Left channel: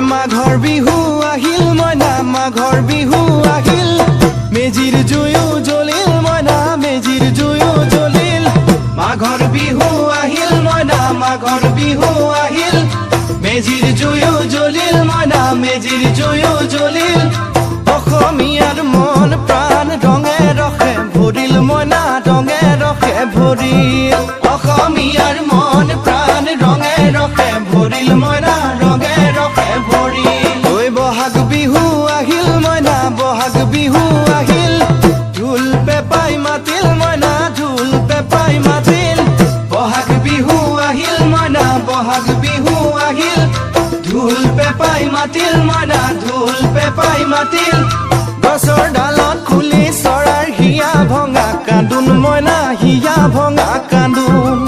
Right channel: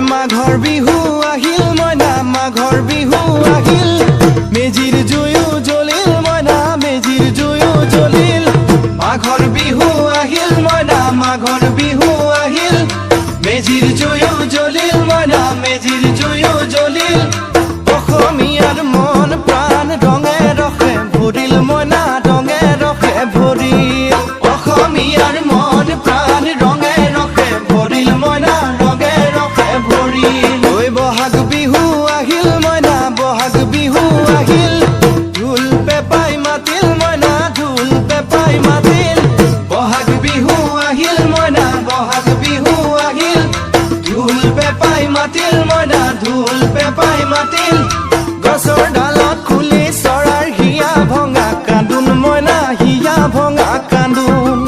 মাঘৰ বিহু আহিল মইনা মাঘৰ বিহু আহিল মেজিৰ জুয়ো জ্বলিল মইনা মেজিৰ জুয়ো জ্বলিল মাঘৰ বিহু আহিল মইনা মাঘৰ বিহু আহিল মেজিৰ জুয়ো জ্বলিল মইনা মেজিৰ জুয়ো জ্বলিল অসমীয়াৰ মন প্ৰাণ ৰঙে ৰসে ভৰিল মইনা ৰঙে ৰসে ভৰিল অসমীয়াৰ মন প্ৰাণ ৰঙে ৰসে ভৰিল মইনা ৰঙে ৰসে ভৰিল ঐ বহাগ বিহু আহিল মইনা বহাগ বিহু আহিল ঢোল পেপাই মাতিল মইনা ঢোল পেপাই মাতিল বহাগ বিহু আহিল মইনা বহাগ বিহু আহিল ঢোল পেপাই মাতিল মইনা ঢোল পেপাই মাতিল গছৰ ডালত খুলি চৰাৰ হিয়া ভঙা কান্দোন মইনা হিয়া ভঙা কান্দোন